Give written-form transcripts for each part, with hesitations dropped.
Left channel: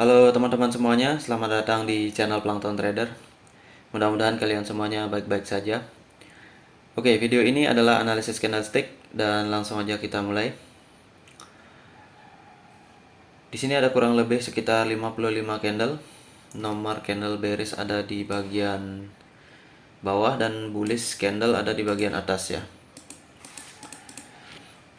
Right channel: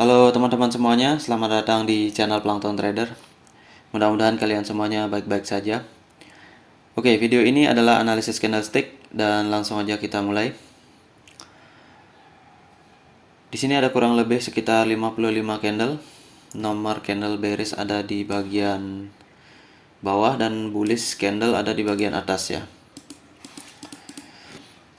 Halo teman-teman semuanya, selamat datang di channel Plankton Trader. Mudah-mudahan kalian semuanya baik-baik saja. Oke, video ini adalah analisis candlestick dan langsung aja kita mulai. Di sini ada kurang lebih sekitar 55 candle. Nomor candle bearish ada di bagian bawah dan bullish candle ada di bagian atas ya.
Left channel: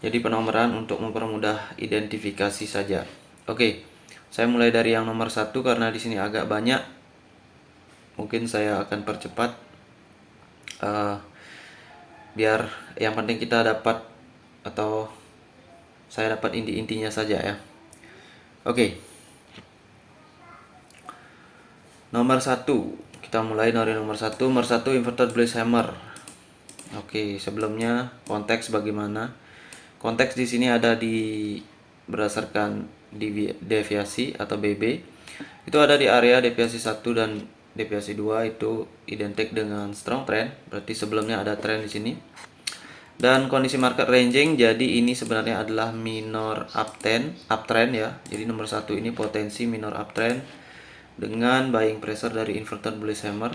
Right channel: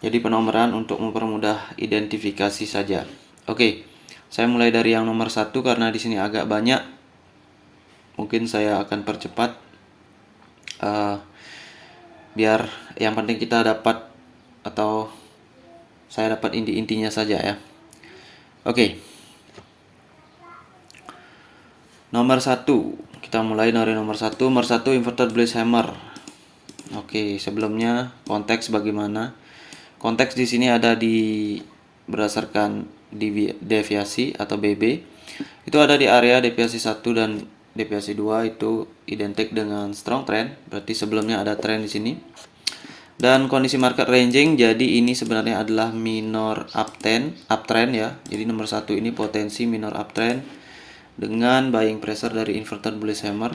Jadi penomoran untuk mempermudah identifikasi saja. Oke, saya mulai dari yang nomor 1 karena di sini agak banyak. Mungkin saya akan percepat biar yang penting kita dapat atau saya dapat inti-intinya saja ya. Oke. Nomor 1, kita mulai dari nomor 1. Nomor 1 inverted bullish hammer. Oke, sebelumnya konteks bagaimana? Konteks di sini ada di berdasarkan deviasi atau BB. Itu ada di area deviasi 1 dan deviasi 2 itu identik dengan strong trend, berarti sebelumnya ada trend di sini. Dan kondisi market ranging, jadi ini sebenarnya adalah minor uptrend ya. Jadi nomor 1 ini potensi minor uptrend dengan buying pressure dari inverted bullish hammer.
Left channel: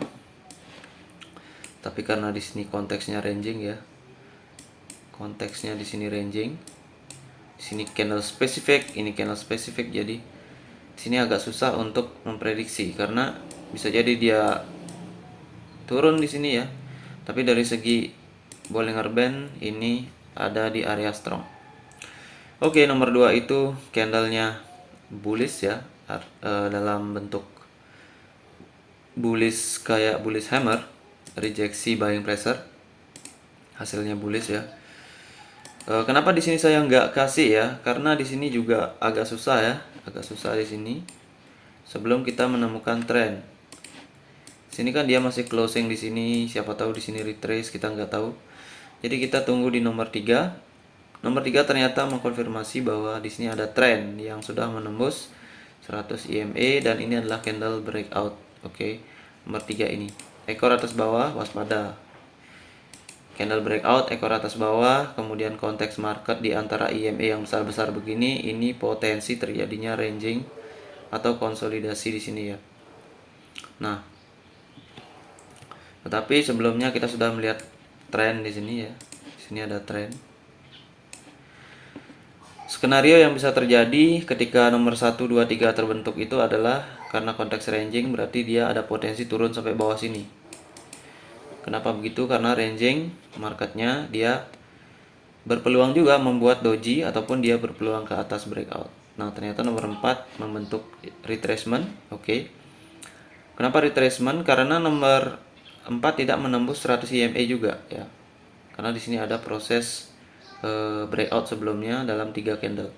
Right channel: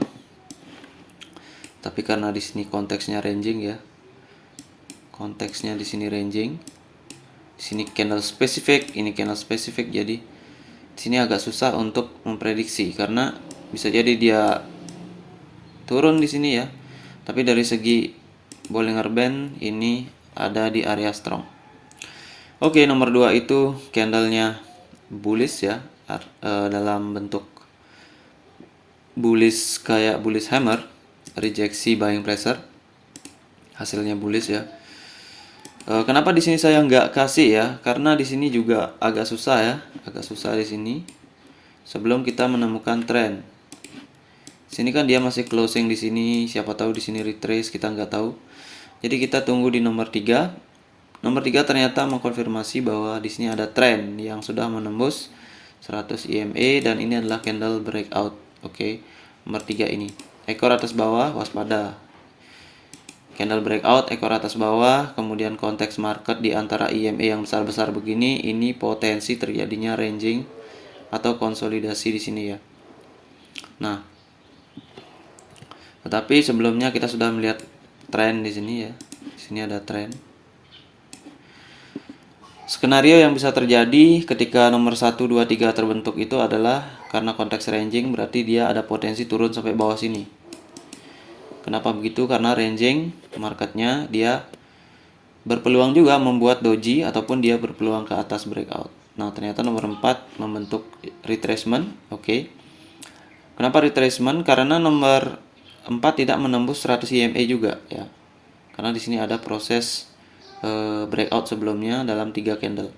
Tapi karena di sini konteksnya ranging ya. Konteksnya di sini ranging. Di sini candle spesifik, ini candle spesifik, jadi di sini agak susah untuk memprediksi karena bisa jadi dia turun di sini ya. Tapi dari segi Bollinger Band ini ada di area strong. Oke, nomor 2 itu candlenya bullish ya, dalam bentuk bullish kayak bullish hammer, rejeksi buying pressure, hasilnya bullish ya. Kenapa di sini saya nggak kasih ya? Karena di sini juga agak susah ya, agak susah di sini. Sebelum kita menemukan trend, sini kan dia masih closing di sini, siapa tahu di sini retrace, kita nggak tahu. Jadi kita tunggu di nomor 3. Nomor 3 ternyata mengkonfirmasi bahwa di sini ada trend yang sudah menembus 100 EMA dan ini adalah candle breakout. Oke. Nomor 3 ini. Ekor atas bawah waspada. Candle breakout ekor atas bawah, kemudian konteks market di antara EMA yang besar-besar begini, ini potensi terjadinya ranging atau konsolidasi di sini ya. Nah, tetapi sebelumnya kita sudah melihat tren di sini ya. Di sini ada tren. Skenario yang bisa terjadi ketika nomor 1, 2, 3 terbentuk itu adalah karena konteks ranging, berarti dia ada potensi turun sampai bawah sini. Kenapa begitu? Karena ranging marketnya dia berpeluang juga membuat doji ataupun dia berpeluang ke atas breakout. Nah, ternyata nomor 4 membentuk retracement. Oke. Kenapa retracement? Karena nomor 4 tidak menembus 100 EMA juga ya. Karena di sini ada proses breakout sebelumnya dalam 3 candle.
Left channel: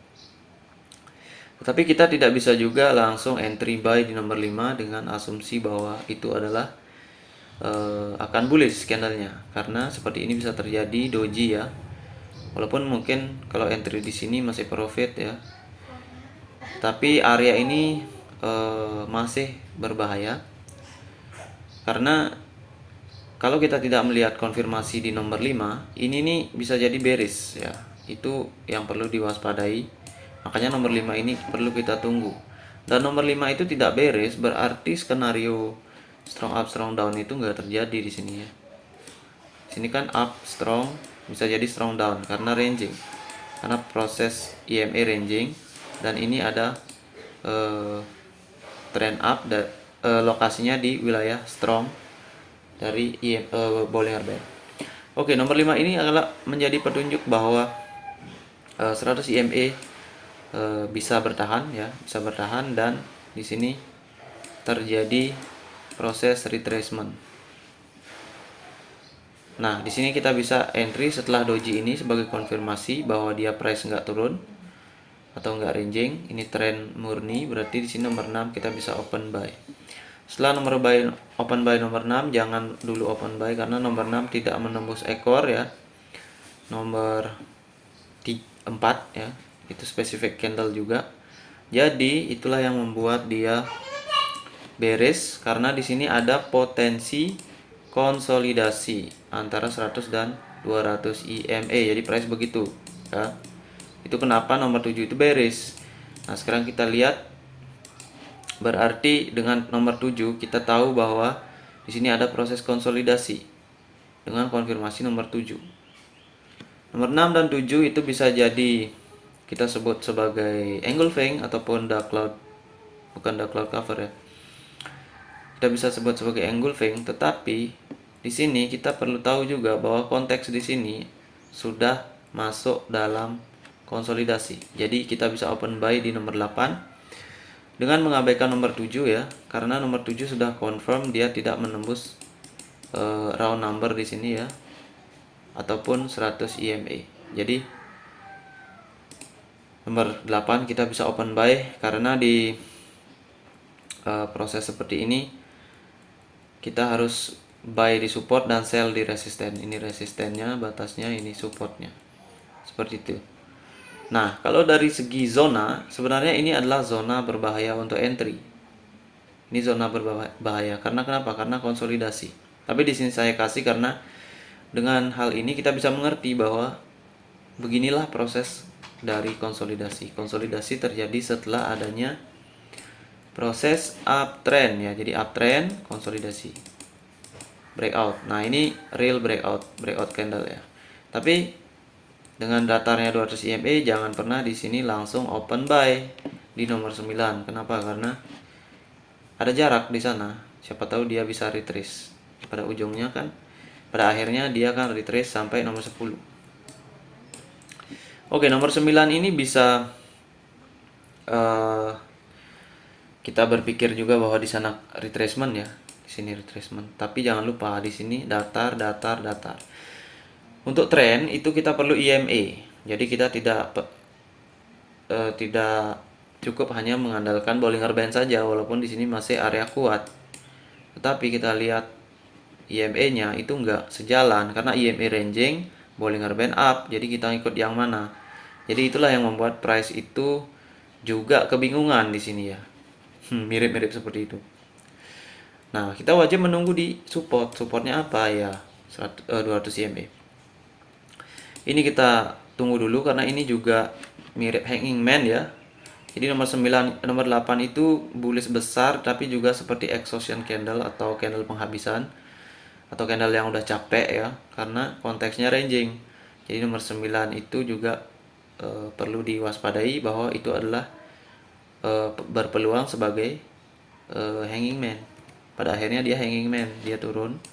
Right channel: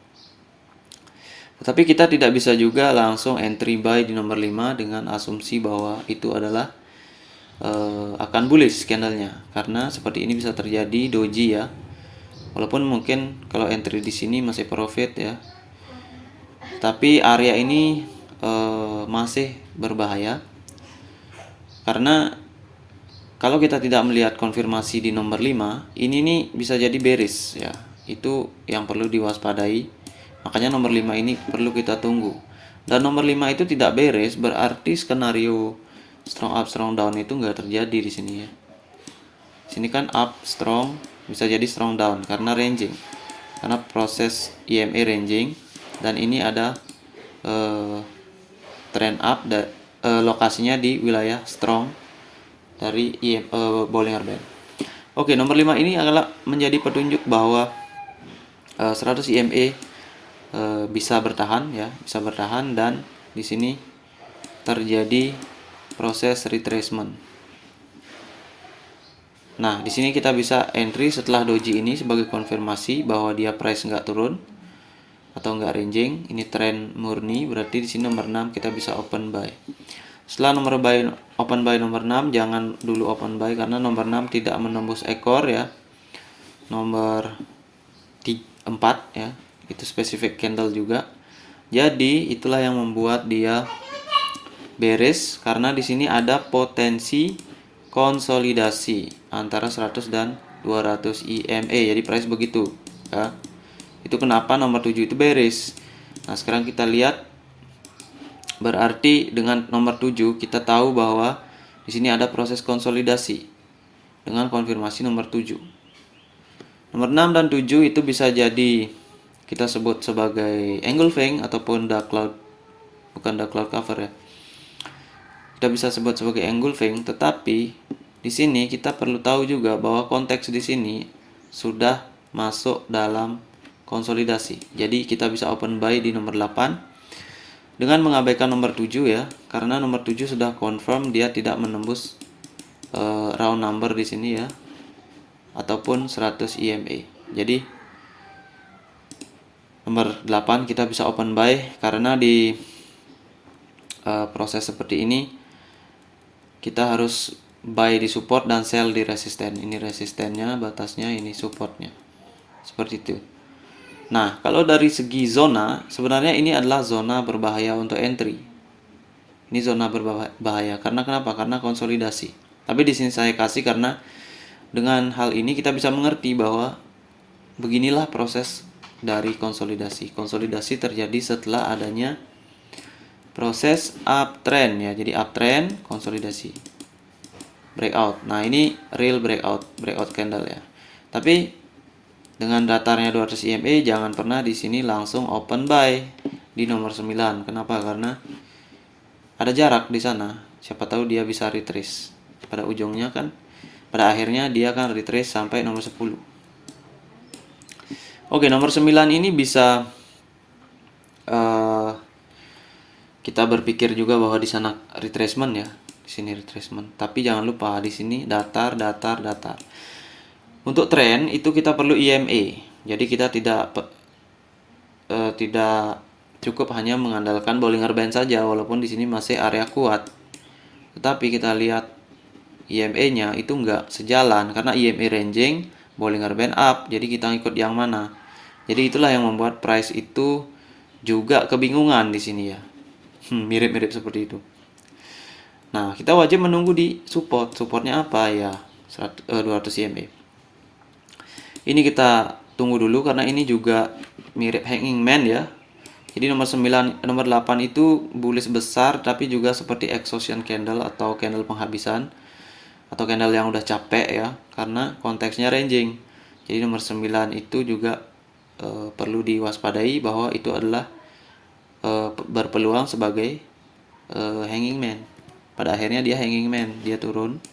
Tetapi kita tidak bisa juga langsung entry buy di nomor 5 dengan asumsi bahwa itu adalah akan bullish candlenya, karena seperti ini bisa terjadi doji ya. Walaupun mungkin kalau entry di sini masih profit ya, tapi area ini masih berbahaya karena kalau kita tidak melihat konfirmasi di nomor 5, ini nih bisa jadi bearish ya. Itu yang perlu diwaspadai. Makanya nomor 5 ini perlu kita tunggu. Dan nomor 5 itu tidak bearish, berarti skenario strong up strong down itu nggak terjadi di sini ya. Sini kan up strong, bisa jadi strong down karena ranging, karena proses EMA ranging, dan ini ada trend up dan lokasinya di wilayah strong dari Bollinger Band. Oke, nomor 5 ini adalah menjadi petunjuk bahwa 100 EMA bisa bertahan ya, bisa bertahan, dan di sini terjadi proses retracement. Nah, di sini kita bisa entry setelah doji ini sebagai konfirmasi bahwa dia price nggak turun atau nggak ranging. Ini trend murni, berarti di sini nomor 6 kita bisa open buy. Setelah open buy nomor 6, jangan dulu open buy karena nomor 6 tidak menembus ekor ya. Nomor 4 ya, itu specific candle juga. Jadi itulah yang membuat dia bearish karena di sini ada potensi konsolidasi antara 100 dan 200 EMA. Jadi price begitu ya. Itu kenapa nomor 7 itu bearish. Nah, sekarang kita lihat Berarti dengan nomor 7 kita tahu bahwa di sini ada proses konsolidasi dengan konfirmasi nomor 7. Nomor 6 dan 7 itu bisa jadi kita sebut sebagai engulfing ataupun dark cloud, bukan dark cloud cover ya. Kita bisa sebut sebagai engulfing, tetapi di sini kita perlu tahu juga bahwa konteks di sini sudah masuk dalam konsolidasi. Jadi kita bisa open buy di nomor 8 dengan mengabaikan nomor 7 ya, karena nomor 7 sudah confirm dia tidak menembus round number di sini ya, ataupun 100 EMA. Jadi nomor 8 kita bisa open buy karena di proses seperti ini kita harus buy di support dan sell di resisten. Ini resistennya, batasnya, ini supportnya. Seperti itu. Nah, kalau dari segi zona, sebenarnya ini adalah zona berbahaya untuk entry. Ini zona berbahaya. Karena kenapa? Karena konsolidasi. Tapi di sini saya kasih karena dengan hal ini kita bisa mengerti bahwa beginilah proses dari konsolidasi. Konsolidasi terjadi setelah adanya proses uptrend ya. Jadi uptrend, konsolidasi, breakout. Nah, ini real breakout candle ya. Tapi dengan datarnya 200 EMA jangan pernah di sini langsung open buy di nomor 9. Kenapa? Karena ada jarak di sana. Siapa tahu dia bisa retrace. Pada ujungnya kan, pada akhirnya dia akan retrace sampai nomor 10. Oke, nomor 9 ini bisa kita berpikir juga bahwa di sana retracement ya. Di sini retracement. Tapi jangan lupa di sini datar. Untuk tren itu kita perlu EMA. Jadi kita tidak cukup hanya mengandalkan Bollinger Band saja, walaupun di sini masih area kuat. Tetapi kita lihat EMA-nya itu enggak sejalan karena EMA ranging, Bollinger Band up. Jadi kita ikut yang mana? Jadi itulah yang membuat price itu juga kebingungan di sini ya. Mirip-mirip seperti itu. Nah, kita wajib menunggu di support. Supportnya apa ya? 200 EMA. Ini kita tunggu dulu karena ini juga mirip hanging man ya. Jadi nomor 9, nomor 8 itu bullish besar tapi juga seperti exhaustion candle atau candle penghabisan atau candle yang udah capek ya, karena konteksnya ranging. Jadi nomor 9 itu juga perlu diwaspadai bahwa itu adalah berpeluang sebagai hanging man. Pada akhirnya dia hanging man, dia turun.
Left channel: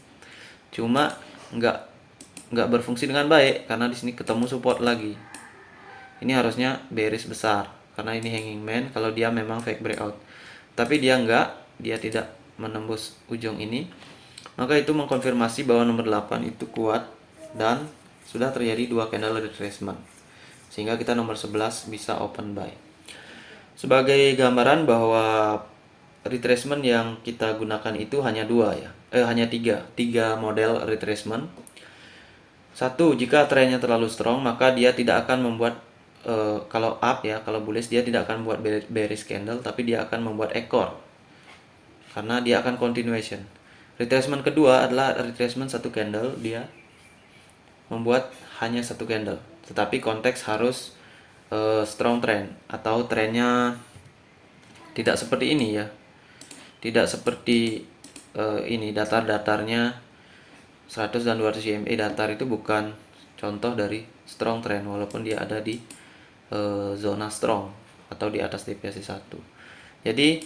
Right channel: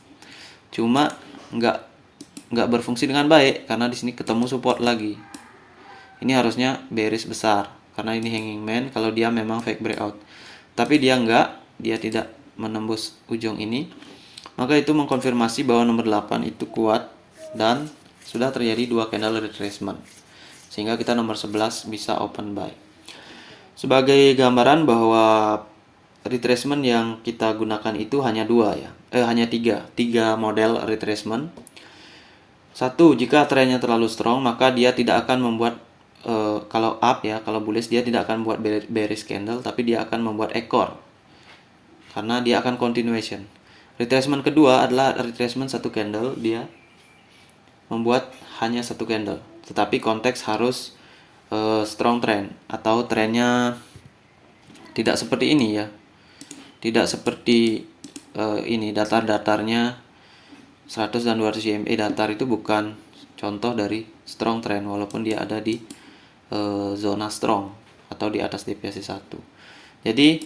Cuma nggak berfungsi dengan baik karena di sini ketemu support lagi. Ini harusnya bearish besar karena ini hanging man kalau dia memang fake breakout. Tapi dia tidak menembus ujung ini. Maka itu mengkonfirmasi bahwa nomor 8 itu kuat dan sudah terjadi 2 candle retracement. Sehingga kita nomor 11 bisa open buy. Sebagai gambaran bahwa retracement yang kita gunakan itu hanya 2 ya. Hanya 3 model retracement. 1, jika trennya terlalu strong maka dia tidak akan membuat kalau up ya, kalau bullish dia tidak akan membuat bearish candle tapi dia akan membuat ekor. Karena dia akan continuation. Retracement kedua adalah retracement 1 candle, dia membuat hanya 1 candle. Tetapi konteks harus strong trend atau trennya tidak seperti ini ya. Tidak seperti ini datar-datarnya 100 dan 200 EMA datar itu bukan contoh dari strong trend walaupun dia ada di zona strong atau di atas DPS 1. Jadi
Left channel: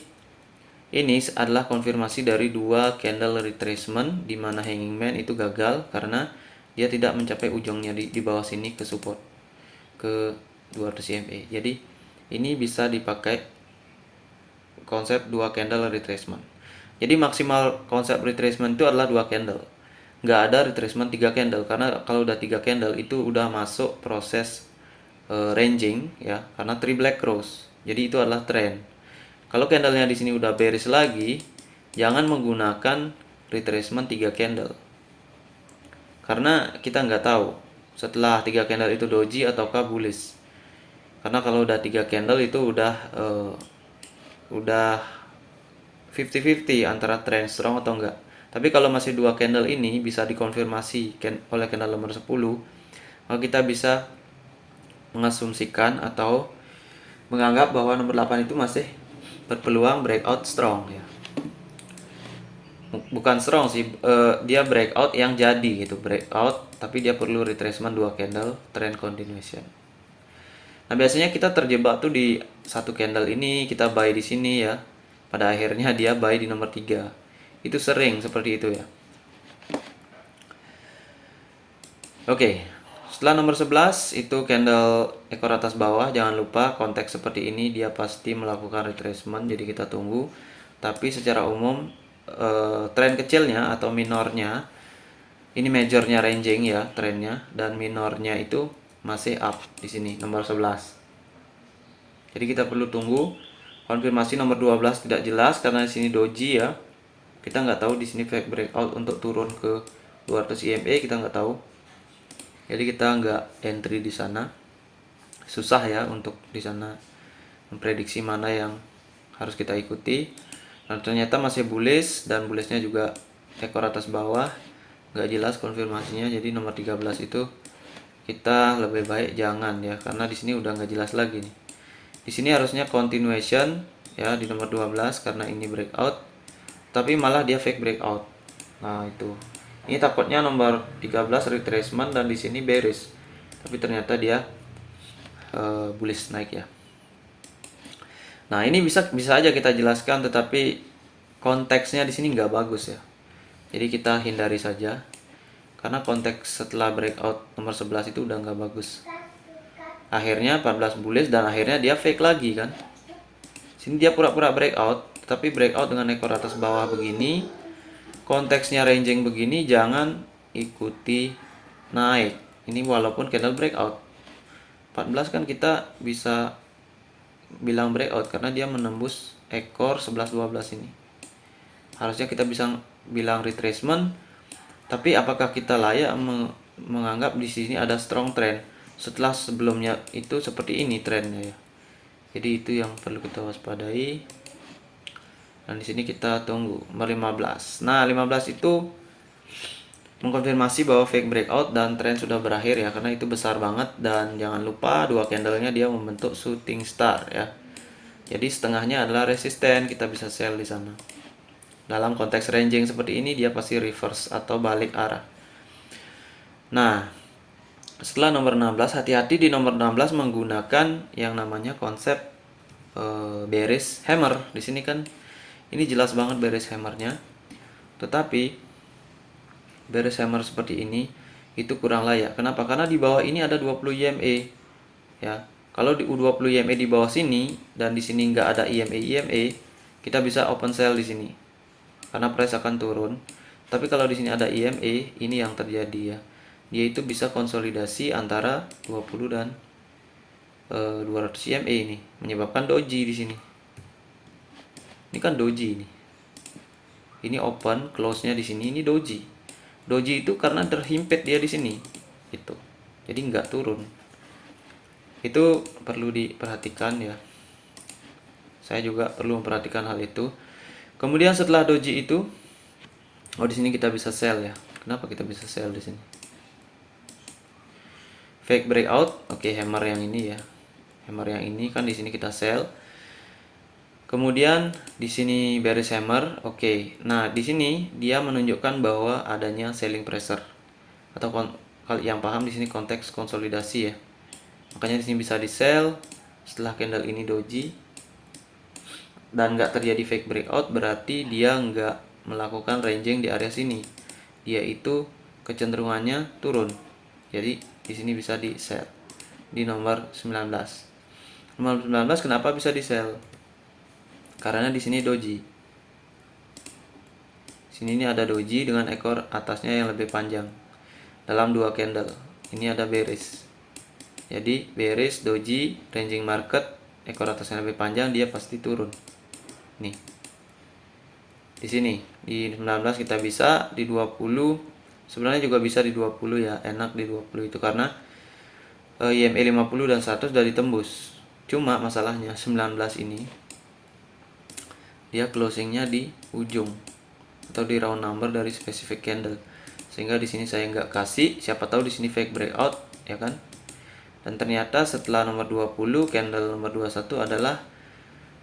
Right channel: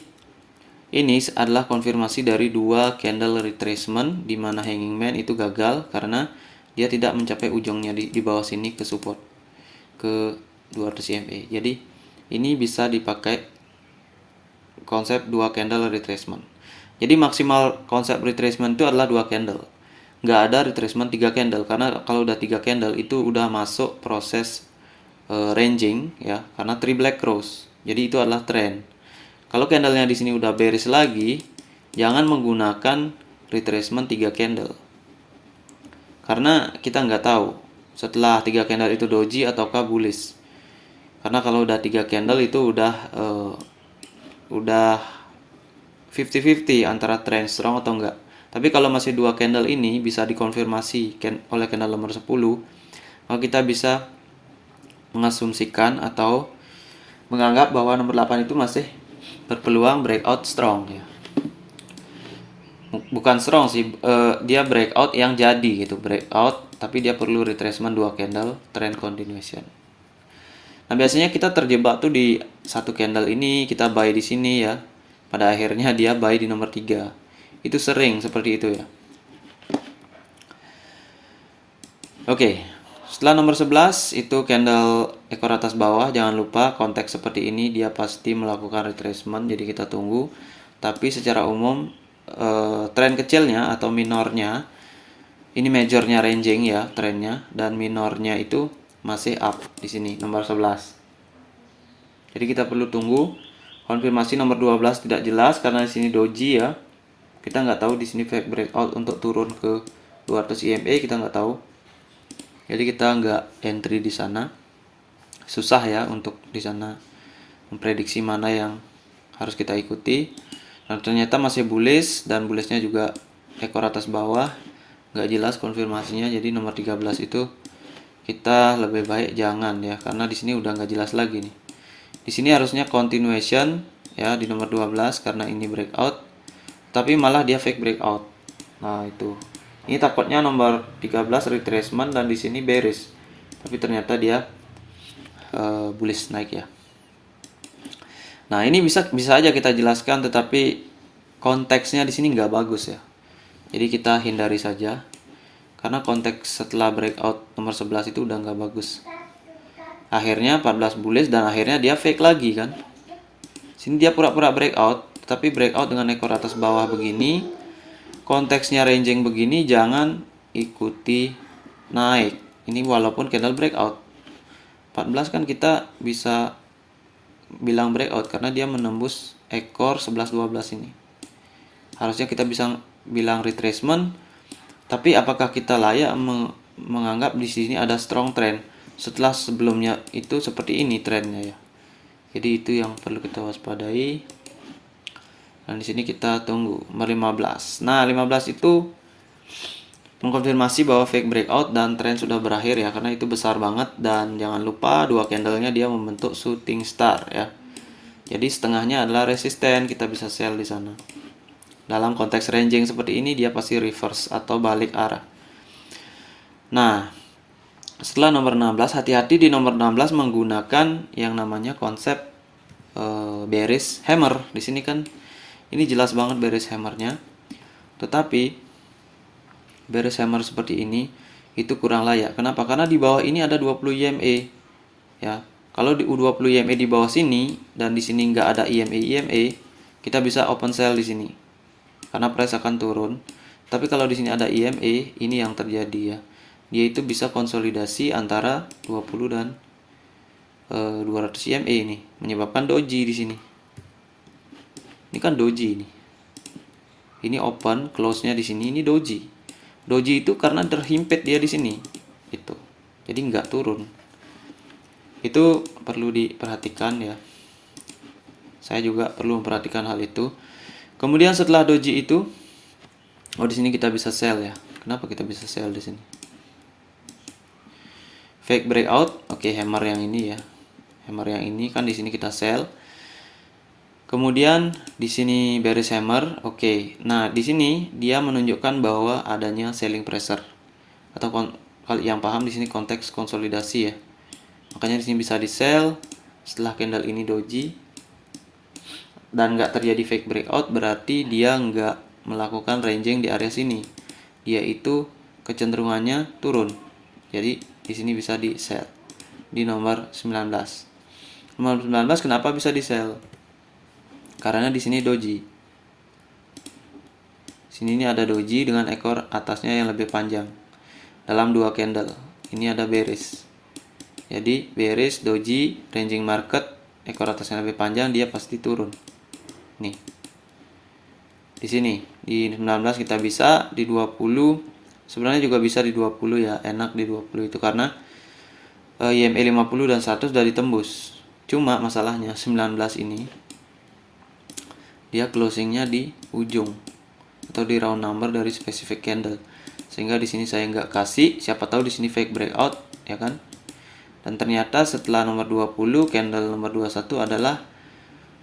ini adalah konfirmasi dari 2 candle retracement di mana hanging man itu gagal karena dia tidak mencapai ujungnya di bawah sini ke support ke 200 EMA. Jadi ini bisa dipakai konsep 2 candle retracement. Jadi maksimal konsep retracement itu adalah 2 candle. Nggak ada retracement 3 candle karena kalau udah 3 candle itu udah masuk proses ranging ya, karena 3 black cross. Jadi itu adalah trend. Kalau candlenya di sini udah bearish lagi, jangan menggunakan retracement 3 candle. Karena kita nggak tahu setelah 3 candle itu doji ataukah bullish. Karena kalau udah 3 candle itu udah 50-50 antara trend strong atau enggak. Tapi kalau masih 2 candle ini bisa dikonfirmasi oleh candle nomor 10, maka kita bisa mengasumsikan atau menganggap bahwa nomor 8 itu masih berpeluang breakout strong ya. Bukan strong sih, dia breakout yang jadi gitu, breakout tapi dia perlu retracement 2 candle trend continuation. Nah, biasanya kita terjebak tuh di satu candle ini, kita buy di sini ya. Pada akhirnya dia buy di nomor 3. Itu sering seperti itu ya. Oke. Setelah nomor 11 itu candle ekor atas bawah, jangan lupa konteks seperti ini dia pasti melakukan retracement, jadi kita tunggu. Tapi secara umum tren kecilnya atau minornya, ini majornya ranging ya trennya, dan minornya itu masih up di sini nomor 11. Jadi kita perlu tunggu konfirmasi nomor 12 tidak jelas karena di sini doji ya. Kita nggak tahu di sini fake breakout untuk turun ke 200 EMA, kita nggak tahu. Jadi kita nggak entry di sana. Susah ya untuk di sana memprediksi mana yang harus kita ikuti. Dan ternyata masih bullish, dan bullishnya juga ekor atas bawah, nggak jelas konfirmasinya. Jadi nomor 13 itu kita lebih baik jangan ya, karena di sini udah nggak jelas lagi nih. Di sini harusnya continuation ya di nomor 12 karena ini breakout, tapi malah dia fake breakout. Nah, itu. Ini takutnya nomor 13 retracement dan di sini bearish. Tapi ternyata dia bullish naik ya. Nah, ini bisa aja kita jelaskan, tetapi konteksnya di sini nggak bagus ya. Jadi kita hindari saja. Karena konteks setelah breakout nomor 11 itu udah nggak bagus. Akhirnya 14 bullish dan akhirnya dia fake lagi kan. Sini dia pura-pura breakout, tapi breakout dengan ekor atas bawah begini, konteksnya ranging begini, jangan ikuti naik. Ini walaupun candle breakout. 14 kan kita bisa bilang breakout karena dia menembus ekor 11-12 ini. Harusnya kita bisa bilang retracement, tapi apakah kita layak menganggap di sini ada strong trend setelah sebelumnya itu seperti ini trennya ya. Jadi itu yang perlu kita waspadai. Dan di sini kita tunggu nomor 15. Nah, 15 itu mengkonfirmasi bahwa fake breakout dan tren sudah berakhir ya, karena itu besar banget, dan jangan lupa dua candlenya dia membentuk shooting star ya. Jadi setengahnya adalah resisten, kita bisa sell di sana. Dalam konteks ranging seperti ini dia pasti reverse atau balik arah. Nah, setelah nomor 16, hati-hati di nomor 16 menggunakan yang namanya konsep bearish hammer. Di sini kan ini jelas banget bearish hammernya. Tetapi bearish hammer seperti ini itu kurang layak. Kenapa? Karena di bawah ini ada 20 EMA. Ya. Kalau di U20 EMA di bawah sini dan di sini nggak ada EMA, kita bisa open sell di sini. Karena price akan turun. Tapi kalau di sini ada EMA, ini yang terjadi ya. Dia itu bisa konsolidasi antara 20 dan 200 EMA ini, menyebabkan doji di sini. Ini kan doji ini. Ini open, close-nya di sini, ini doji. Doji itu karena terhimpit dia di sini. Itu. Jadi nggak turun. Itu perlu diperhatikan ya. Saya juga perlu memperhatikan hal itu. Kemudian setelah doji itu, di sini kita bisa sell ya. Kenapa kita bisa sell di sini? Fake breakout, oke, hammer yang ini ya. Hammer yang ini kan di sini kita sell. Kemudian di sini bearish hammer, oke. Nah, di sini dia menunjukkan bahwa adanya selling pressure. Atau kalau yang paham di sini konteks konsolidasi ya. Makanya di sini bisa di sell setelah candle ini doji dan nggak terjadi fake breakout, berarti dia nggak melakukan ranging di area sini. Dia itu kecenderungannya turun. Jadi di sini bisa di sell di nomor 19. Nomor 19 kenapa bisa di sell? Karena di sini doji. Sini ini ada doji dengan ekor atasnya yang lebih panjang. Dalam dua candle. Ini ada bearish. Jadi bearish, doji, ranging market, ekor atasnya lebih panjang, dia pasti turun. Nih. Di sini di 19 kita bisa, di 20 sebenarnya juga bisa di 20 ya. Enak di 20 itu karena EMA 50 dan 100 sudah ditembus. Cuma masalahnya 19 ini dia closingnya di ujung atau di round number dari specific candle, sehingga di sini saya nggak kasih. Siapa tahu di sini fake breakout ya kan. Dan ternyata setelah nomor 20 candle nomor 21 adalah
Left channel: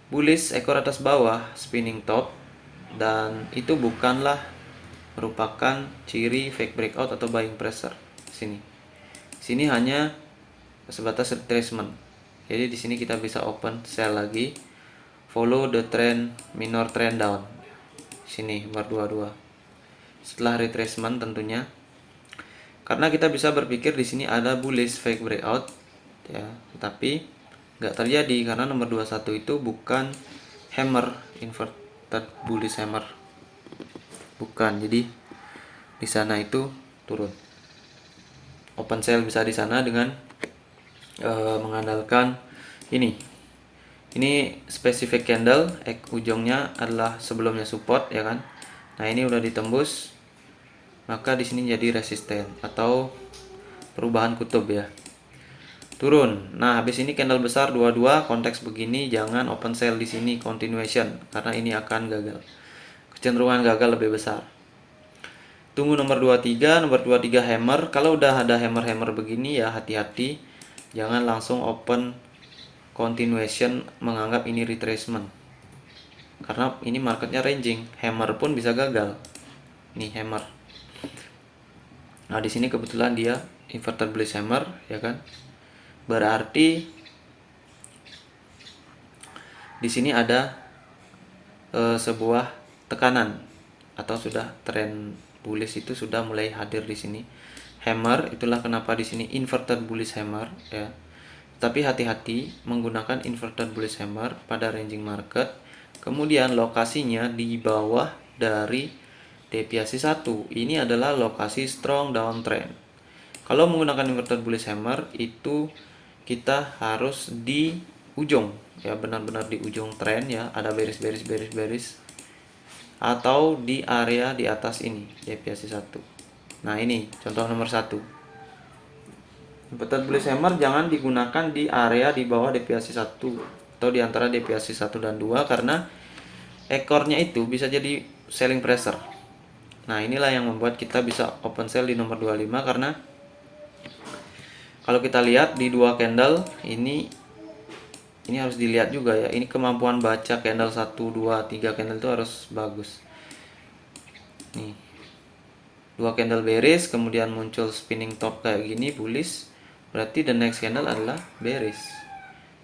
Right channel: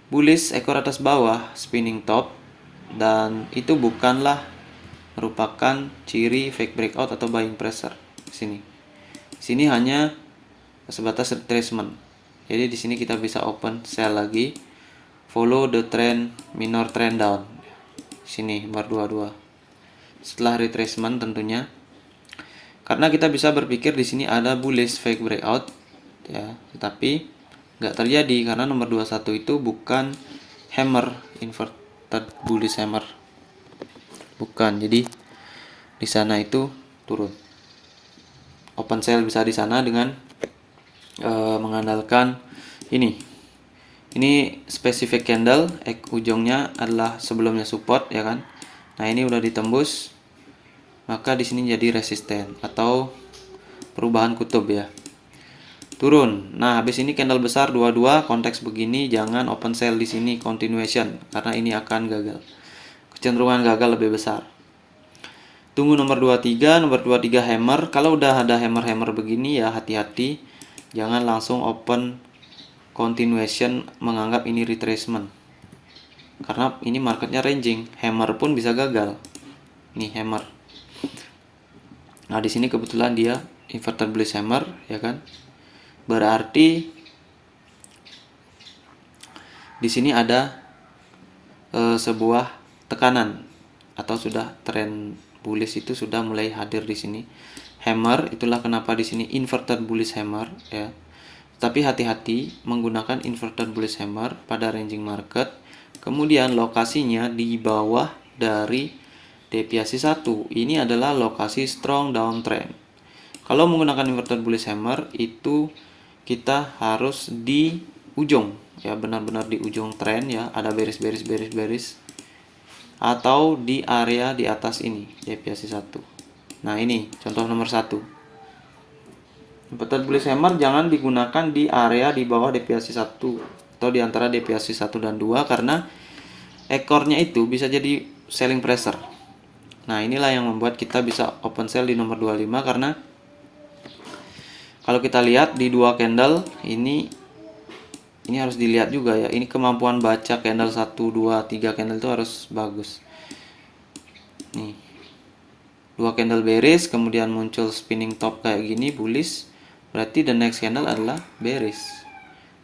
bullish ekor atas bawah spinning top, dan itu bukanlah merupakan ciri fake breakout atau buying pressure. Sini hanya sebatas retracement. Jadi di sini kita bisa open sell lagi, follow the trend, minor trend down. Sini bar 22. Setelah retracement tentunya, karena kita bisa berpikir di sini ada bullish fake breakout ya, tetapi nggak terjadi karena nomor 21 itu bukan hammer, inverted bullish hammer. Bukan. Jadi di sana itu turun. Open sell bisa di sana dengan mengandalkan ini spesifik candle, ujungnya adalah sebelumnya support ya kan. Nah ini udah ditembus, maka di sini jadi resisten atau perubahan kutub ya, turun. Nah habis ini candle besar 22 konteks begini, jangan open sell di sini, continuation, karena ini akan gagal, kecenderungan gagal lebih besar. Tunggu nomor 23, nomor 23 hammer. Kalau udah ada hammer-hammer begini ya hati-hati, jangan langsung open continuation menganggap ini retracement, karena ini marketnya ranging, hammer pun bisa gagal. Ini hammer. Nah di sini kebetulan dia inverted bullish hammer ya kan, berarti di sini ada sebuah tekanan atau sudah tren bullish itu sudah mulai hadir di sini. Hammer, itulah kenapa di sini inverted bullish hammer ya. Tapi hati-hati menggunakan inverted bullish hammer pada ranging market. Kemudian lokasinya di bawah dari deviasi 1. Ini adalah lokasi strong downtrend. Kalau menggunakan inverted bullish hammer itu kita harus di ujung ya, benar-benar di ujung tren ya, ada bearish atau di area di atas ini deviasi 1. Nah ini contoh nomor 1. Inverted bullish hammer jangan digunakan di area di bawah deviasi 1 atau di antara deviasi 1 dan 2, karena ekornya itu bisa jadi selling pressure. Nah inilah yang membuat kita bisa open sell di nomor 25, karena kalau kita lihat di dua candle ini harus dilihat juga ya, ini kemampuan baca candle 1, 2, 3 candle itu harus bagus. Nih, dua candle bearish, kemudian muncul spinning top kayak gini bullish, berarti the next candle adalah bearish.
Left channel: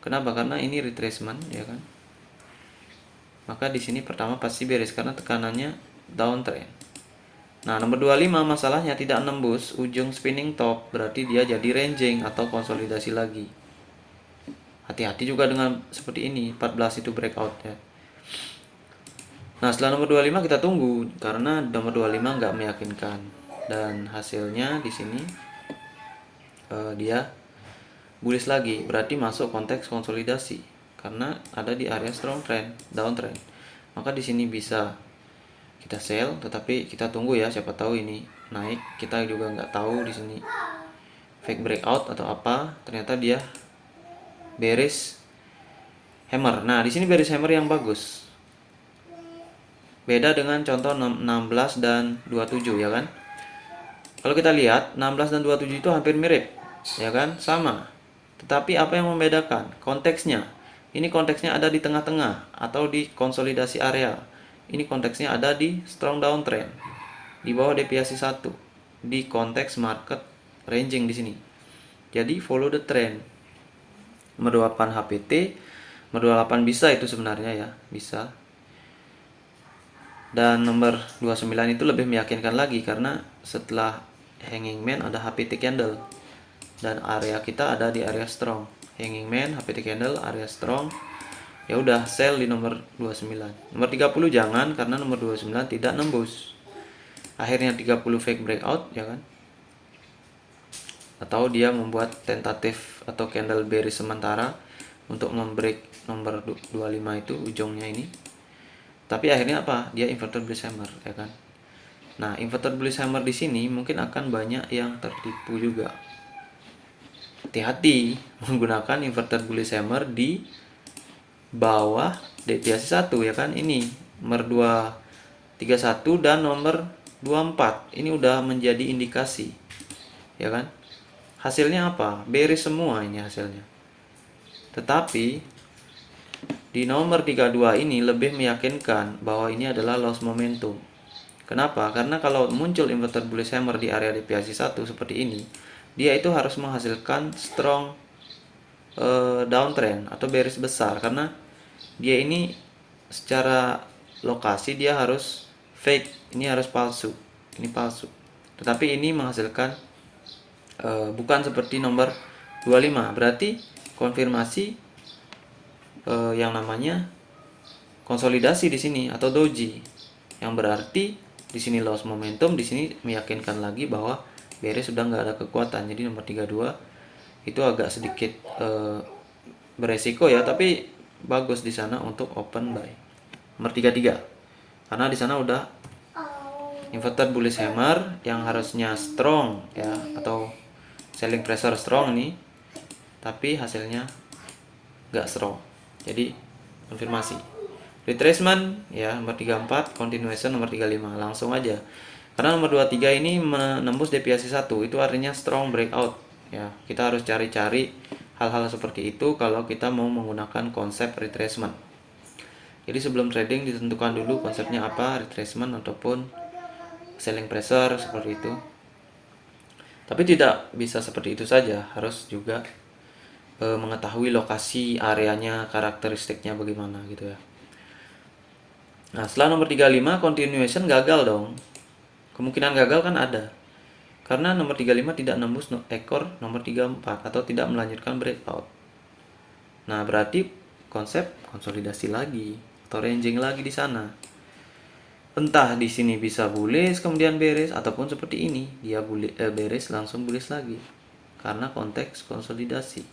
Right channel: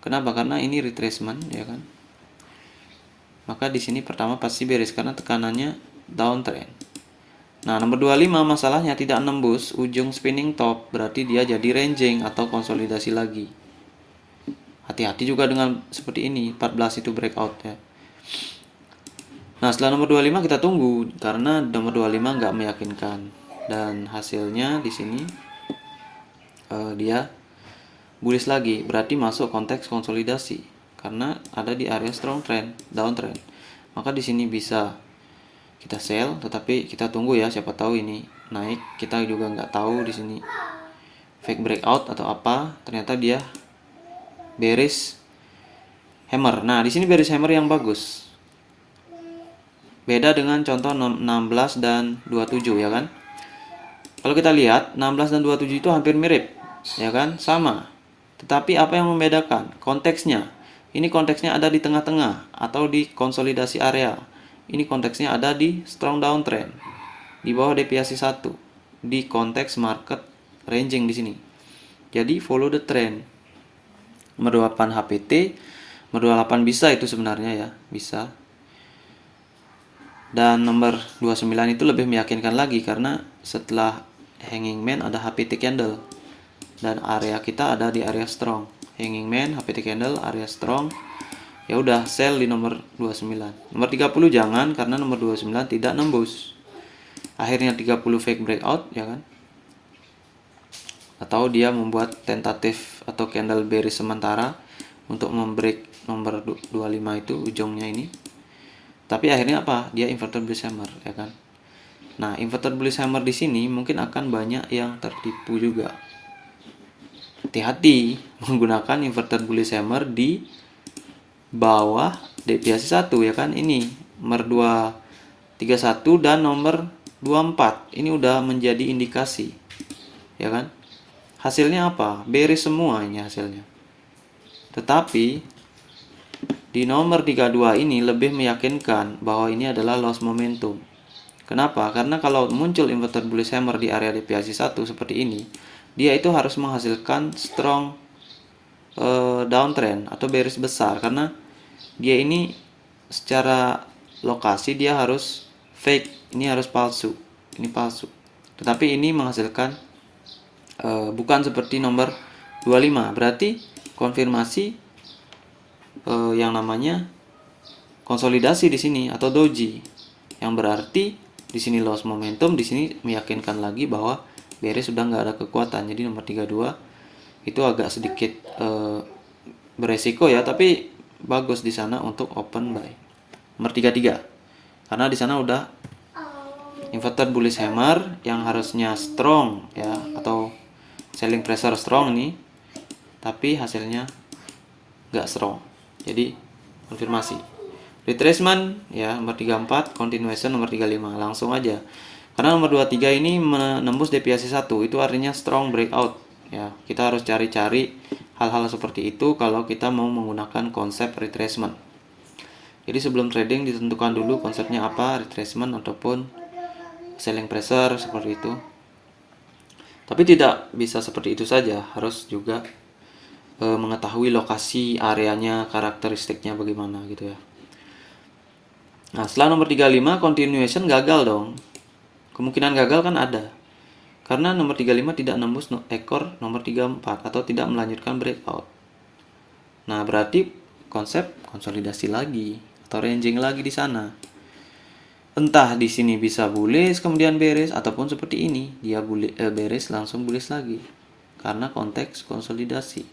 Kenapa? Karena ini retracement ya kan. Maka di sini pertama pasti bearish karena tekanannya downtrend. Nah, nomor 25 masalahnya tidak nembus ujung spinning top, berarti dia jadi ranging atau konsolidasi lagi. Hati-hati juga dengan seperti ini, 14 itu breakout ya. Nah setelah nomor 25 kita tunggu, karena nomor 25 nggak meyakinkan, dan hasilnya di sini dia bullish lagi, berarti masuk konteks konsolidasi karena ada di area strong trend, downtrend. Maka di sini bisa kita sell, tetapi kita tunggu ya, siapa tahu ini naik. Kita juga nggak tahu di sini fake breakout atau apa, ternyata dia bearish hammer. Nah, di sini bearish hammer yang bagus. Beda dengan contoh 16 dan 27 ya kan. Kalau kita lihat 16 dan 27 itu hampir mirip, ya kan? Sama. Tetapi apa yang membedakan? Konteksnya. Ini konteksnya ada di tengah-tengah atau di konsolidasi area. Ini konteksnya ada di strong downtrend, di bawah deviasi 1, di konteks market ranging di sini. Jadi follow the trend. Nomor 28 HPT, nomor 28 bisa itu sebenarnya ya, bisa. Dan nomor 29 itu lebih meyakinkan lagi karena setelah hanging man ada HPT candle dan area kita ada di area strong. Hanging man, HPT candle, area strong. Ya udah sell di nomor 29. Nomor 30 jangan, karena nomor 29 tidak nembus. Akhirnya 30 fake breakout ya kan. Atau dia membuat tentatif atau candle bearish sementara untuk membreak nomor 25 itu ujungnya ini. Tapi akhirnya apa? Dia inverted bullish hammer ya kan. Nah, inverted bullish hammer di sini mungkin akan banyak yang tertipu juga. Hati-hati menggunakan inverted bullish hammer di bawah deviasi 1 ya kan. Ini nomor 231 dan nomor 24. Ini udah menjadi indikasi. Ya kan? Hasilnya apa? Bearish semua ini hasilnya. Tetapi di nomor 32 ini lebih meyakinkan bahwa ini adalah loss momentum. Kenapa? Karena kalau muncul inverted bullish hammer di area deviasi 1 seperti ini, dia itu harus menghasilkan strong downtrend atau bearish besar, karena dia ini secara lokasi dia harus fake, ini harus palsu, ini palsu. Tetapi ini menghasilkan bukan seperti nomor 25, berarti konfirmasi yang namanya konsolidasi di sini atau doji, yang berarti di sini loss momentum, di sini meyakinkan lagi bahwa bearish sudah nggak ada kekuatan. Jadi nomor 32 itu agak sedikit beresiko ya, tapi bagus di sana untuk open buy. Nomor 33 karena di sana udah inverted bullish hammer yang harusnya strong ya, atau selling pressure strong nih, tapi hasilnya nggak strong, jadi konfirmasi. Retracement ya nomor 34, continuation nomor 35. Langsung aja, karena nomor 23 ini menembus deviasi 1, itu artinya strong breakout ya. Kita harus cari-cari hal-hal seperti itu kalau kita mau menggunakan konsep retracement. Jadi sebelum trading ditentukan dulu konsepnya apa, retracement ataupun selling pressure, seperti itu. Tapi tidak bisa seperti itu saja, harus juga mengetahui lokasi areanya, karakteristiknya bagaimana gitu ya. Nah, setelah nomor 35 continuation gagal dong. Kemungkinan gagal kan ada. Karena nomor 35 tidak nembus ekor nomor 34 atau tidak melanjutkan breakout. Nah, berarti konsep konsolidasi lagi atau ranging lagi di sana. Entah di sini bisa bullish kemudian bearish, ataupun seperti ini dia bearish langsung bullish lagi. Karena konteks konsolidasi.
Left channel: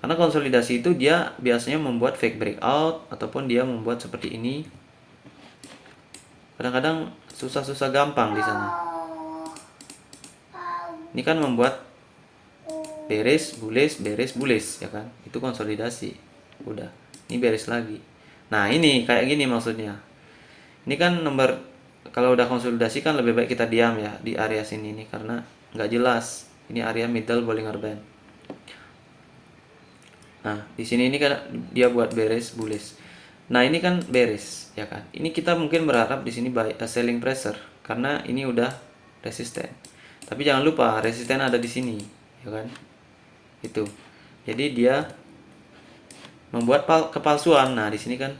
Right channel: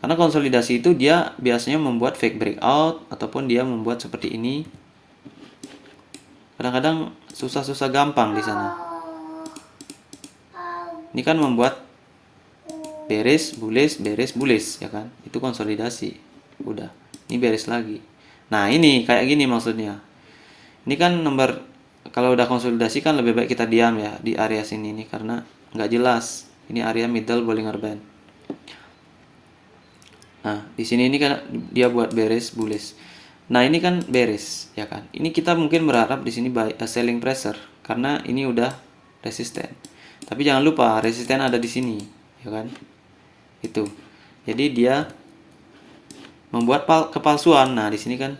Karena konsolidasi itu dia biasanya membuat fake breakout ataupun dia membuat seperti ini. Kadang-kadang susah-susah gampang di sana. Ini kan membuat bearish, bullish ya kan? Itu konsolidasi. Udah. Ini bearish lagi. Nah, ini kayak gini maksudnya. Ini kan nomor, kalau udah konsolidasi kan lebih baik kita diam ya di area sini nih, karena nggak jelas. Ini area middle Bollinger Band. Nah, di sini ini kan dia buat bearish, bullish. Nah, ini kan bearish ya kan. Ini kita mungkin berharap di sini selling pressure karena ini udah resisten. Tapi jangan lupa resisten ada di sini, ya kan? Itu. Jadi dia membuat kepalsuan. Nah, di sini kan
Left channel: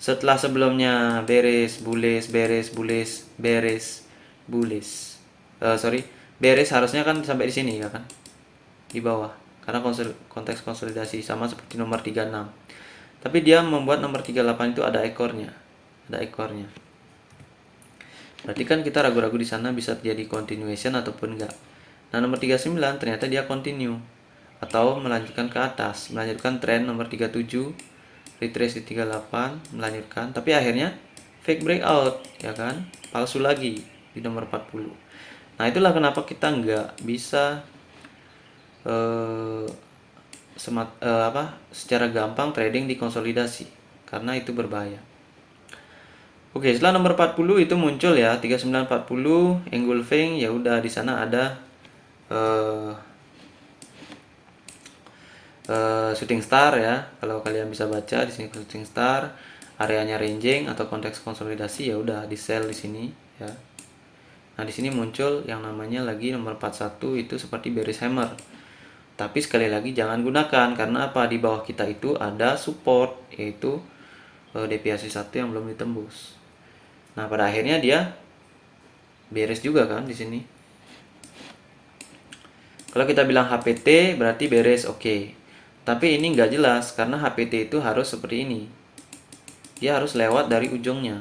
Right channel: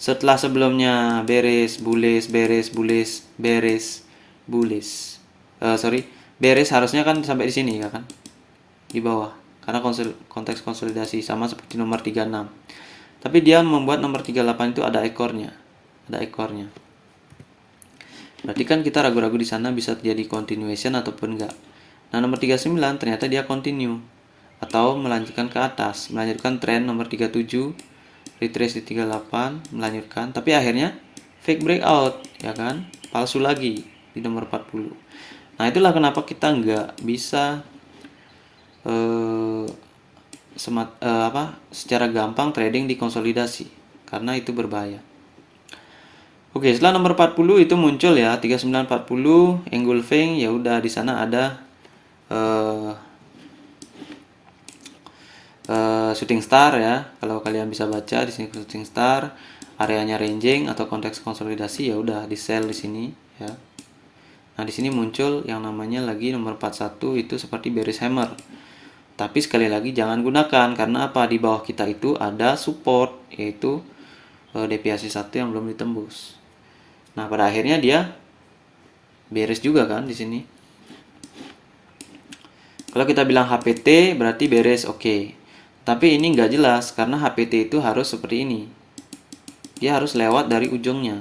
setelah sebelumnya bearish, bullish, bearish, bullish, bearish, bullish. Bearish harusnya kan sampai di sini ya kan? Di bawah. Karena konteks konsolidasi sama seperti nomor 36. Tapi dia membuat nomor 38 itu ada ekornya. Ada ekornya. Berarti kan kita ragu-ragu di sana bisa terjadi continuation ataupun enggak. Nah, nomor 39 ternyata dia continue atau melanjutkan ke atas, melanjutkan tren nomor 37, retrace di 38, melanjutkan, tapi akhirnya fake breakout ya kan? Palsu lagi di nomor 40. Nah, itulah kenapa kita nggak bisa secara gampang trading di konsolidasi, karena itu berbahaya. Oke, setelah nomor 40 itu muncul ya 3940 engulfing, ya udah di sana ada shooting star ya. Kalau kalian bisa baca di sini shooting star, areanya ranging atau konteks konsolidasi, ya udah di sell di sini ya. Nah, di sini muncul yang namanya lagi nomor 41 itu seperti bearish hammer. Tapi sekali lagi jangan gunakan, karena apa? Di bawah kita itu ada support, yaitu deviasi 1 yang belum ditembus. Nah, pada akhirnya dia bearish juga kan di sini. Kalau kita bilang HPT berarti bearish, oke. Tapi ini nggak jelas karena HPT itu harus seperti ini. Dia harus lewat dari ujungnya.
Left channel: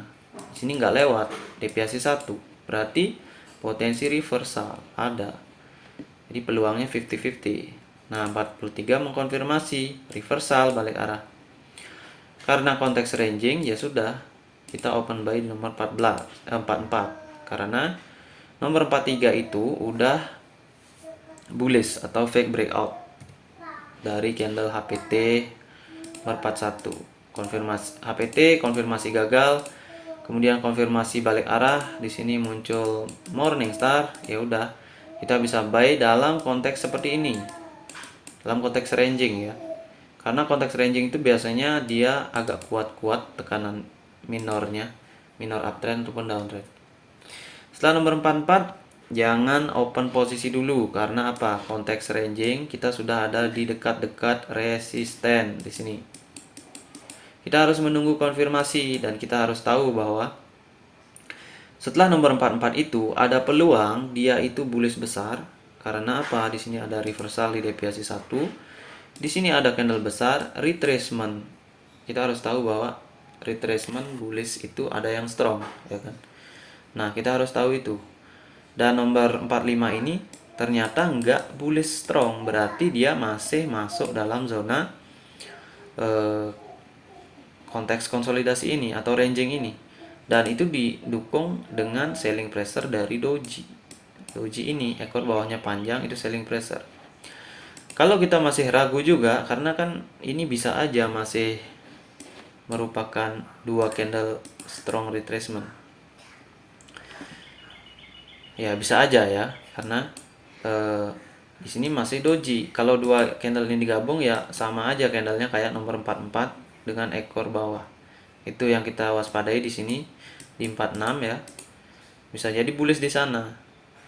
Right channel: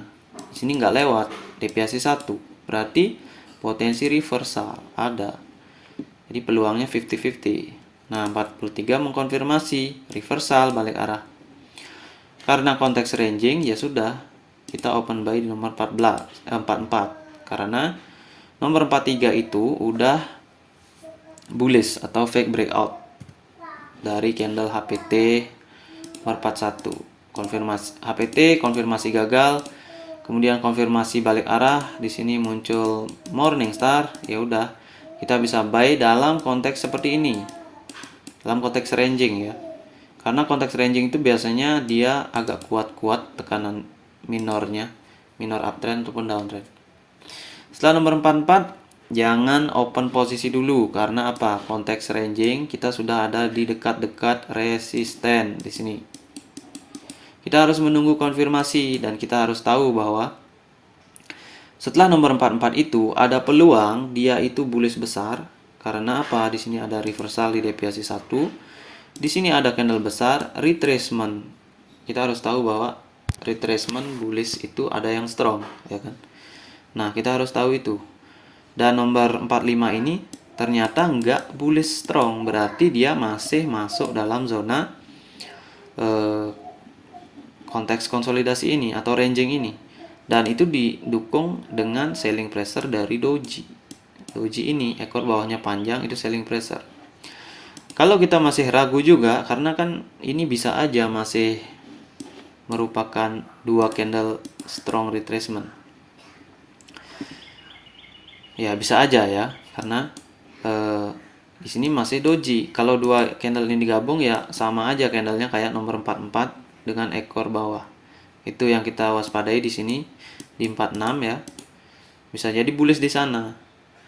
Di sini nggak lewat, deviasi 1. Berarti potensi reversal ada. Jadi peluangnya 50-50. Nah, 43 mengkonfirmasi reversal balik arah. Karena konteks ranging, ya sudah, kita open buy di nomor 44. Karena nomor 43 itu udah bullish atau fake breakout dari candle HPT nomor 41. Konfirmasi HPT, konfirmasi gagal. Kemudian konfirmasi balik arah, di sini muncul morning star, ya udah, kita bisa buy dalam konteks seperti ini. Dalam konteks ranging ya. Karena konteks ranging itu biasanya dia agak kuat-kuat tekanan minornya, minor uptrend ataupun downtrend. Setelah nomor 44, jangan open posisi dulu karena apa? Konteks ranging kita sudah ada di dekat-dekat resisten di sini. Kita harus menunggu konfirmasi dan kita harus tahu bahwa setelah nomor 44 itu ada peluang dia itu bullish besar. Karena apa? Di sini ada reversal di deviasi 1. Di sini ada candle besar, retracement. Kita harus tahu bahwa retracement bullish itu ada yang strong, ya kan? Nah, kita harus tahu itu. Dan nomor 45 ini ternyata nggak bullish strong, berarti dia masih masuk dalam zona konteks konsolidasi ini atau ranging ini. Dan itu didukung dengan selling pressure dari doji. Doji ini ekor bawahnya panjang, itu selling pressure. Kalau kita masih ragu juga, karena kan ini bisa aja masih merupakan dua candle strong retracement. Ya bisa aja ya, karena di sini masih doji. Kalau dua candle ini digabung ya sama aja candlenya kayak nomor 44 dengan ekor bawah. Itu yang kita waspadai di sini di 46 ya. Bisa jadi bullish di sana.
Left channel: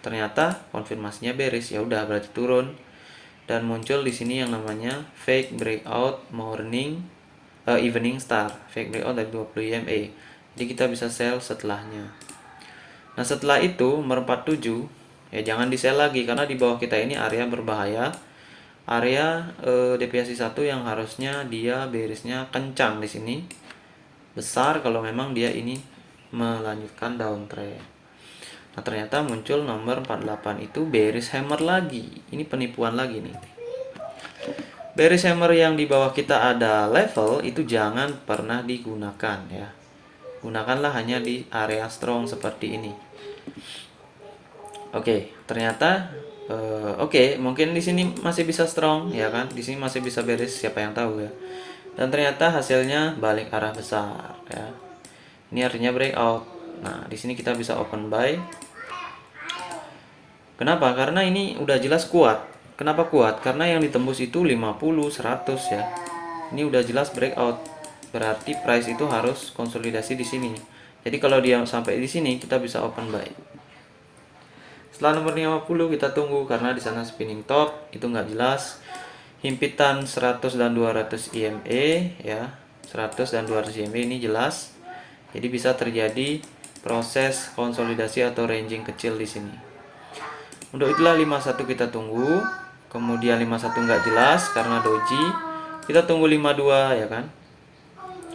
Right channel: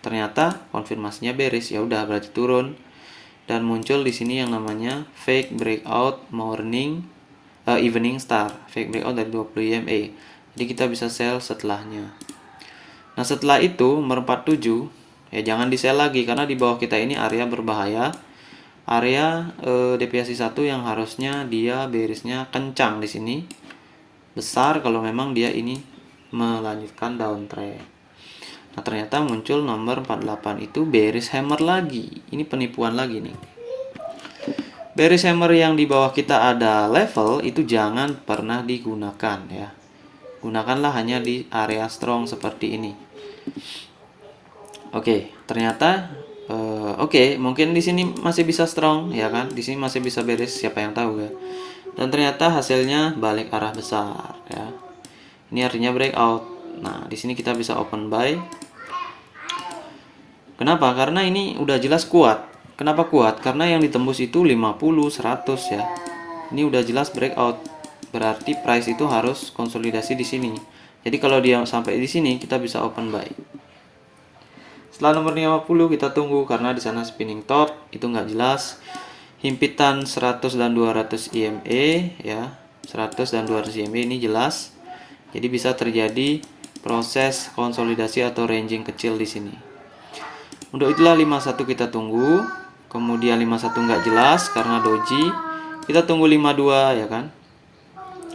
Ternyata konfirmasinya bearish, ya udah berarti turun. Dan muncul di sini yang namanya fake breakout evening star, fake breakout dari 20 EMA. Jadi kita bisa sell setelahnya. Nah, setelah itu nomor 47 ya jangan di sell lagi karena di bawah kita ini area berbahaya. Area deviasi 1 yang harusnya dia bearishnya kencang di sini. Besar kalau memang dia ini melanjutkan downtrend. Nah, ternyata muncul nomor 48 itu bearish hammer lagi. Ini penipuan lagi nih. Bearish hammer yang di bawah kita ada level itu jangan pernah digunakan ya. Gunakanlah hanya di area strong seperti ini. Oke, ternyata mungkin di sini masih bisa strong ya kan. Di sini masih bisa bearish, siapa yang tahu ya. Dan ternyata hasilnya balik arah besar ya. Ini artinya breakout. Nah, di sini kita bisa open buy. Kenapa? Karena ini udah jelas kuat. Kenapa kuat? Karena yang ditembus itu 50, 100 ya. Ini udah jelas breakout. Berarti price itu harus konsolidasi di sini. Jadi kalau dia sampai di sini kita bisa open buy. Setelah nomor 50 kita tunggu karena di sana spinning top itu nggak jelas. Himpitan 100 dan 200 EMA ya. 100 dan 200 EMA ini jelas. Jadi bisa terjadi proses konsolidasi atau ranging kecil di sini. Untuk itulah 51 kita tunggu. Kemudian 51 nggak jelas karena doji. Kita tunggu 52 ya kan.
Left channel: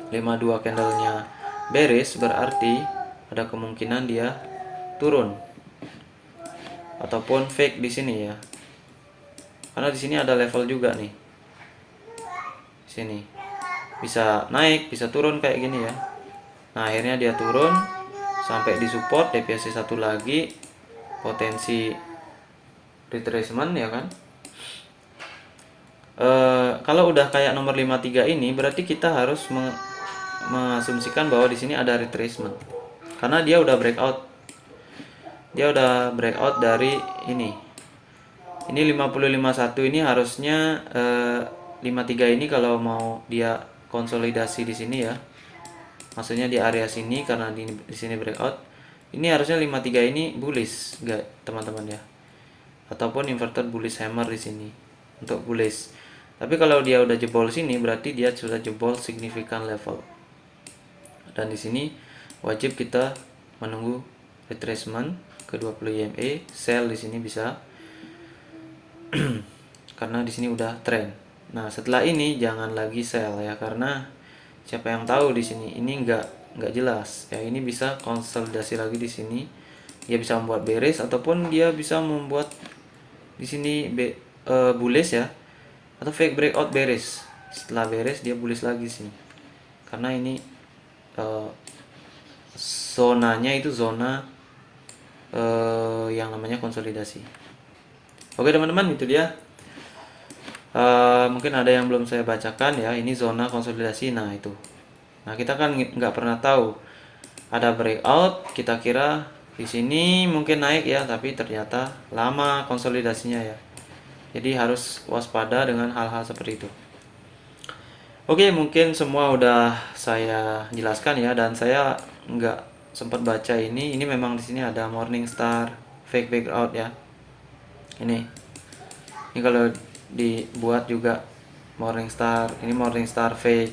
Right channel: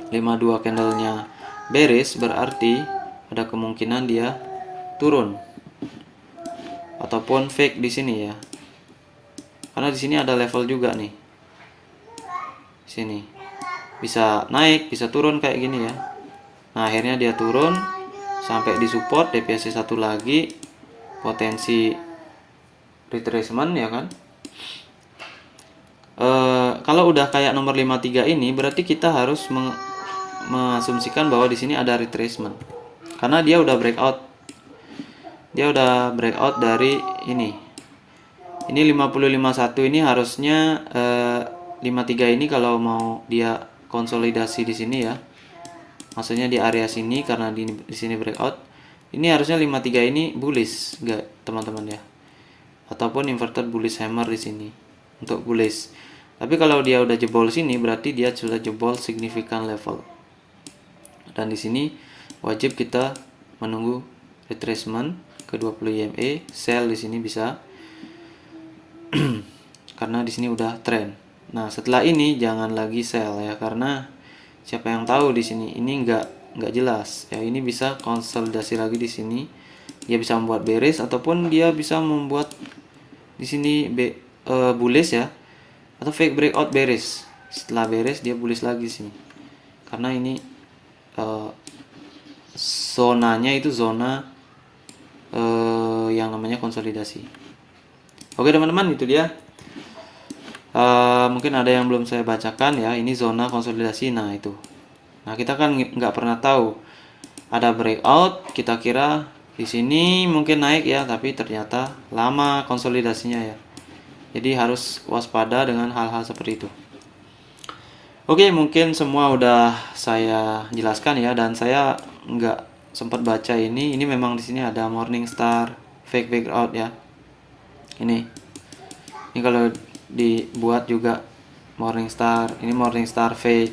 52 candlenya bearish berarti ada kemungkinan dia turun. Ataupun fake di sini ya. Karena di sini ada level juga nih. Sini. Bisa naik, bisa turun kayak gini ya. Nah, akhirnya dia turun sampai di support deviasi 1 lagi, potensi retracement ya kan. Kalau udah kayak nomor 53 ini berarti kita harus mengasumsikan bahwa di sini ada retracement. Karena dia udah breakout. Dia udah breakout dari ini. Ini 5051 ini harusnya 53 ini kalau mau dia konsolidasi di sini ya. Maksudnya di area sini karena di sini breakout. Ini harusnya 53 ini bullish, enggak teman-teman ya. Ataupun inverted bullish hammer di sini untuk bullish. Tapi kalau dia udah jebol sini berarti dia sudah jebol signifikan level. Dan di sini wajib kita menunggu retracement ke 20 EMA, sell di sini bisa. Karena di sini udah trend. Nah, setelah ini jangan lagi sell ya karena siapa yang tahu di sini ini nggak jelas ya. Ini bisa konsolidasi lagi di sini. Dia bisa membuat bearish ataupun dia bisa membuat di sini bullish ya atau fake breakout bearish. Setelah bearish dia bullish lagi sini. Karena ini zonanya itu zona yang namanya konsolidasi. Oke teman-teman, itu dia. Mungkin ada yang belum saya bacakan ya. Ini zona konsolidasi. Nah itu. Nah kita kan nggak pernah tahu ada breakout. Kita kira di sini mungkin naik ya, tapi ternyata lama konsolidasinya ya. Jadi harus waspada dengan hal-hal seperti itu. Oke, mungkin semua udah saya jelaskan ya, dan saya nggak sempat baca ini. Ini memang di sini ada Morningstar fake breakout ya. Ini kalau dibuat juga Morningstar, ini Morningstar fake.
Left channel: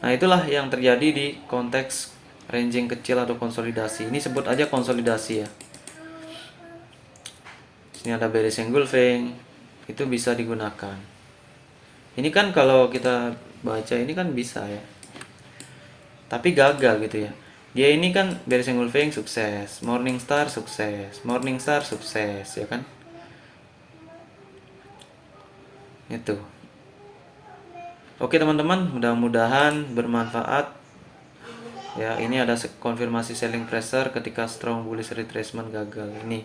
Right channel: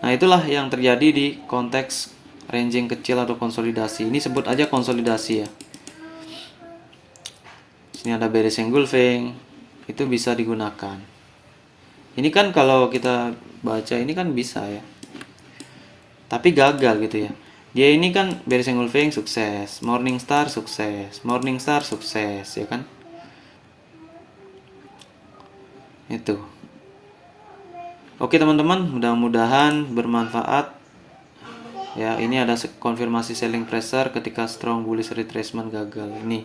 Nah, itulah yang terjadi di konteks ranging kecil atau konsolidasi. Ini sebut aja konsolidasi ya. Sini ada bearish engulfing, itu bisa digunakan. Ini kan kalau kita baca ini kan bisa ya, tapi gagal gitu ya. Dia ini kan bearish engulfing sukses, Morningstar sukses, Morningstar sukses ya kan. Itu. Oke teman-teman, mudah-mudahan bermanfaat. Ya, ini ada konfirmasi selling pressure ketika strong bullish retracement gagal. Ini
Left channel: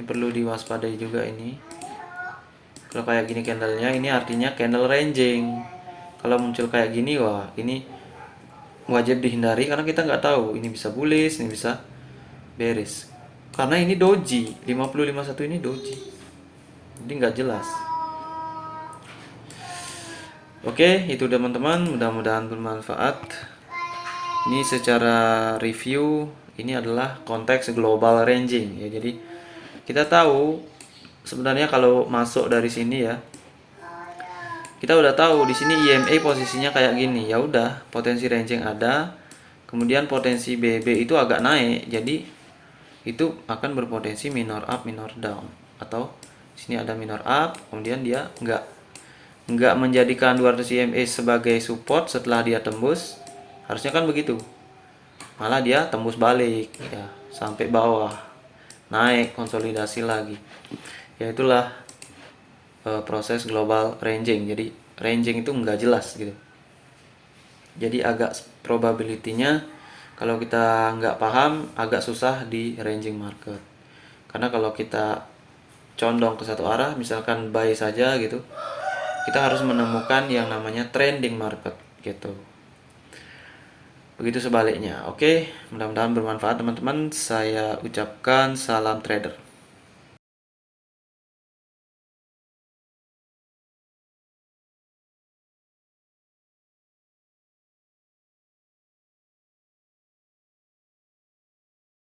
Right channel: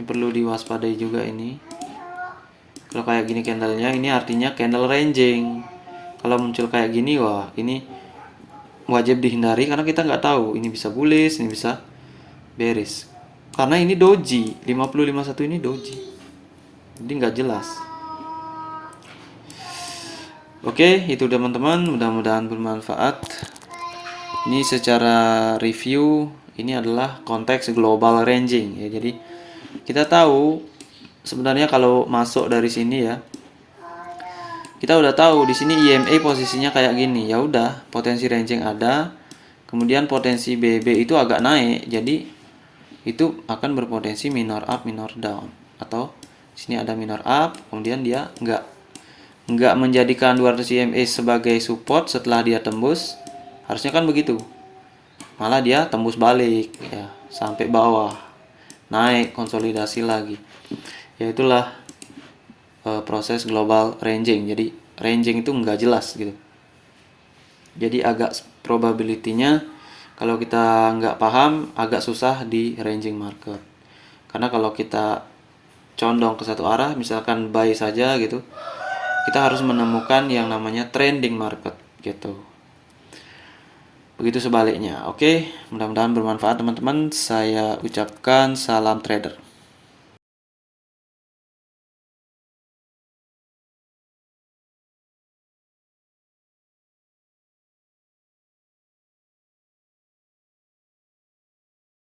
perlu diwaspadai juga ini. Kalau kayak gini candlenya, ini artinya candle ranging. Kalau muncul kayak gini, wah ini wajib dihindari karena kita nggak tahu ini bisa bullish, ini bisa bearish. Karena ini doji, 5051 ini doji. Jadi nggak jelas. Oke, itu teman-teman, mudah-mudahan bermanfaat. Ini secara review, ini adalah konteks global ranging ya. Jadi kita tahu sebenarnya kalau masuk dari sini ya, kita udah tahu di sini EMA posisinya kayak gini. Ya udah, potensi ranging ada. Kemudian potensi BB itu agak naik. Jadi itu akan berpotensi minor up, minor down. Atau sini ada minor up, kemudian dia nggak menjadikan 200 EMA sebagai support setelah dia tembus. Harusnya kan begitu. Malah dia tembus balik ya sampai bawah. Naik konsolidasi lagi. Ya itulah proses global ranging. Jadi ranging itu nggak jelas gitu. Jadi agak probability-nya kalau kita nggak paham agak susah di ranging market. Karena kalau kita condong ke satu arah, misalkan buy saja gitu, kita harus menemukan yang namanya trending market gitu. Begitu sebaliknya. Oke, mudah-mudahan bermanfaat teman-teman. Saya ucapkan salam trader.